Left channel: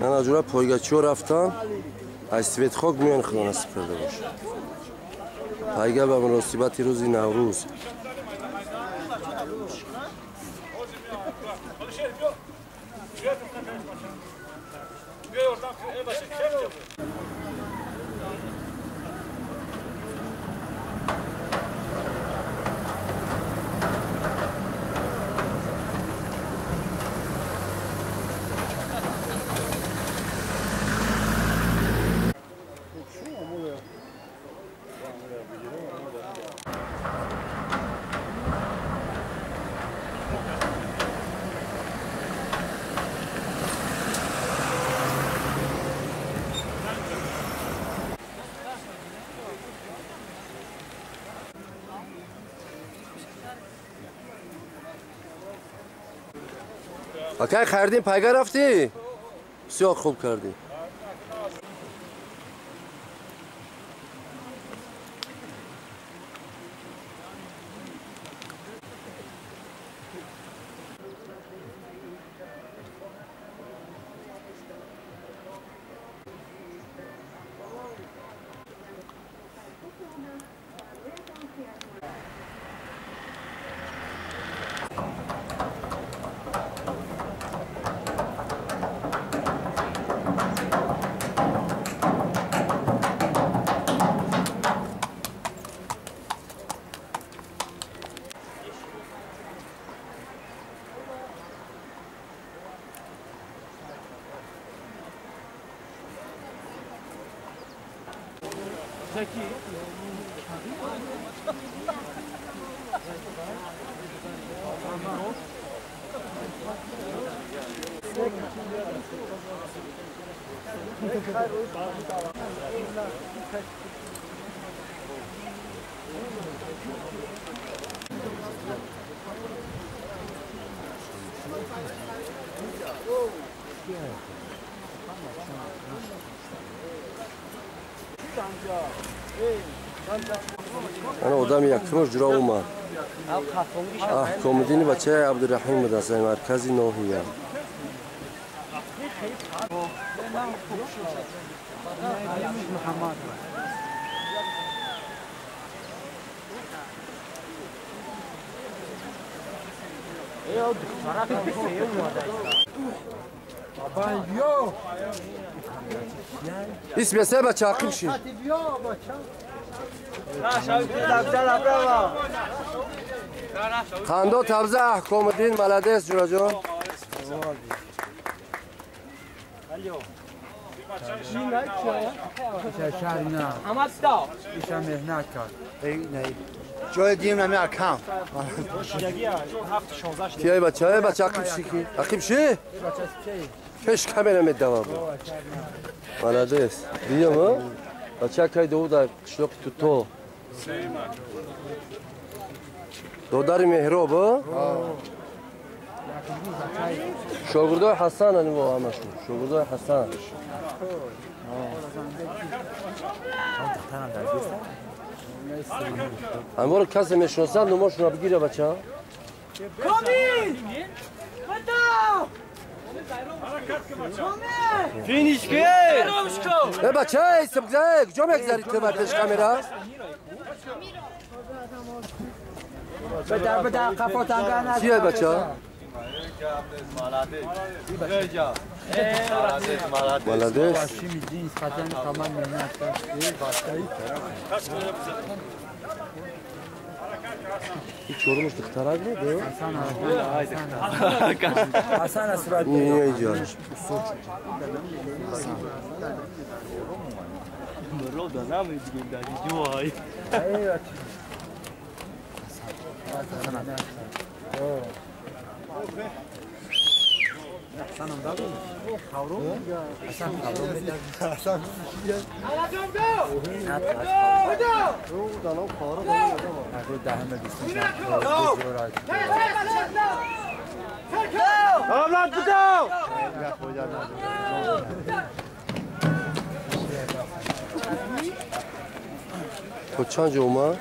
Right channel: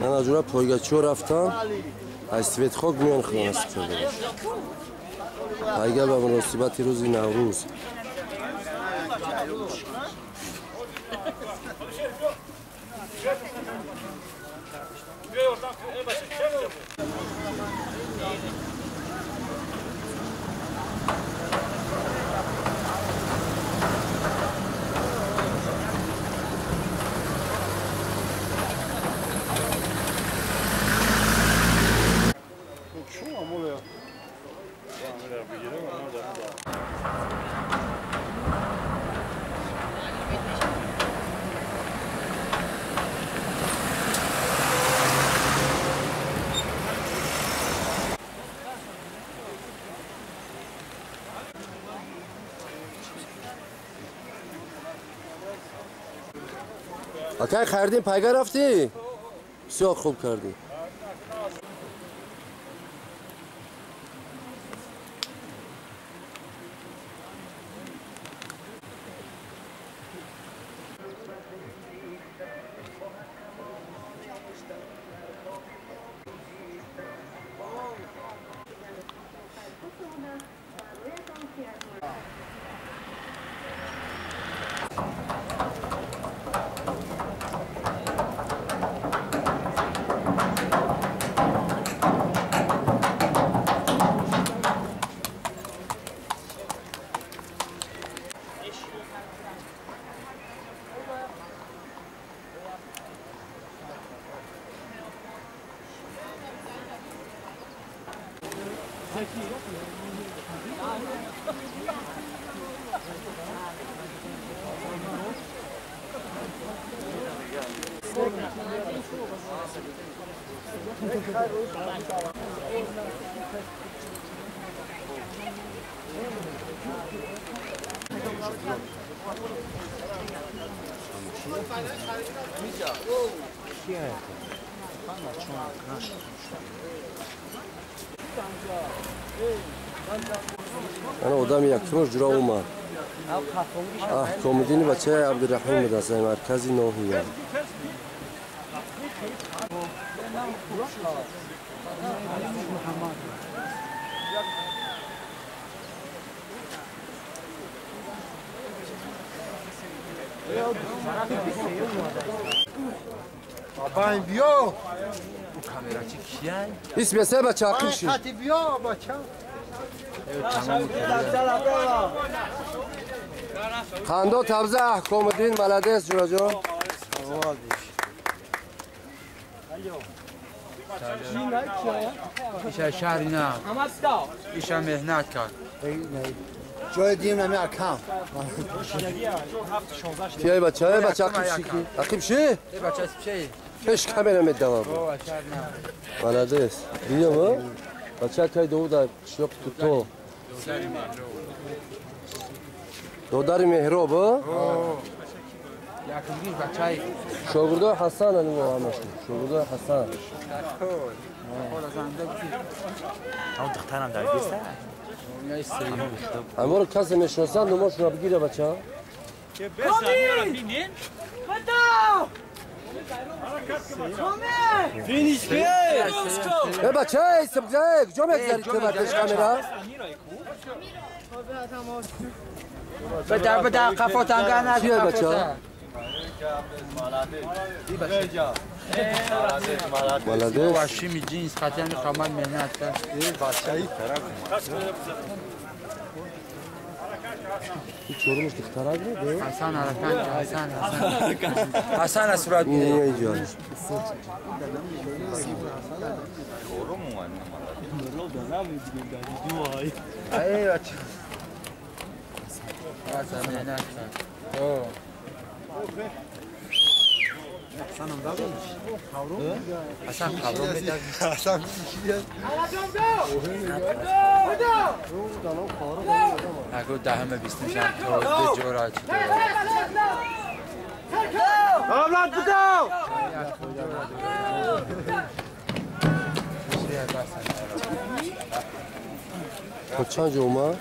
من از جورا پایگاچی ها رفتم از سویت خاک میان خدا نصیب کرده باش. پایگا به مناسبت روز نوروز اکه خریدین پایگا رفتی؟ بسیار خوب کردی. انا قدام یکمش جرا اومد. کمدینی بچه عبدالرحیم مدرسه مرکزی نوحیه. بابا بیا ایست بیسته بچه عقیب شید بیا بچه خنده تبزه کمدین ملده جورا جان ایشه شهری نه ایشه مهنت کرد جای دیم نمی اکم تیای بچه های بچه عقیب شیکی عقیب شی؟ بچه چی؟ پیش کامرا میدوام ملده است بیا ما بچه که دو در شلوک تو دو در مهراب شاگرده حسن هنو با همشون شاگرده حسن همه رو کسی میشناسن نماشون رو بگیره بچه ها فینیش بیه بچه های سبگزه کجا میگذارید تو بردش کامرا بده قفات انگه نزد چیه بچه ها ملده باشی جینس خطر کامل مهنت کرد این چورمش دخترک بود حسن صورت این اینجا اگه دهمه بیستم شد جورا اولاد بدو خود چند جا اومد؟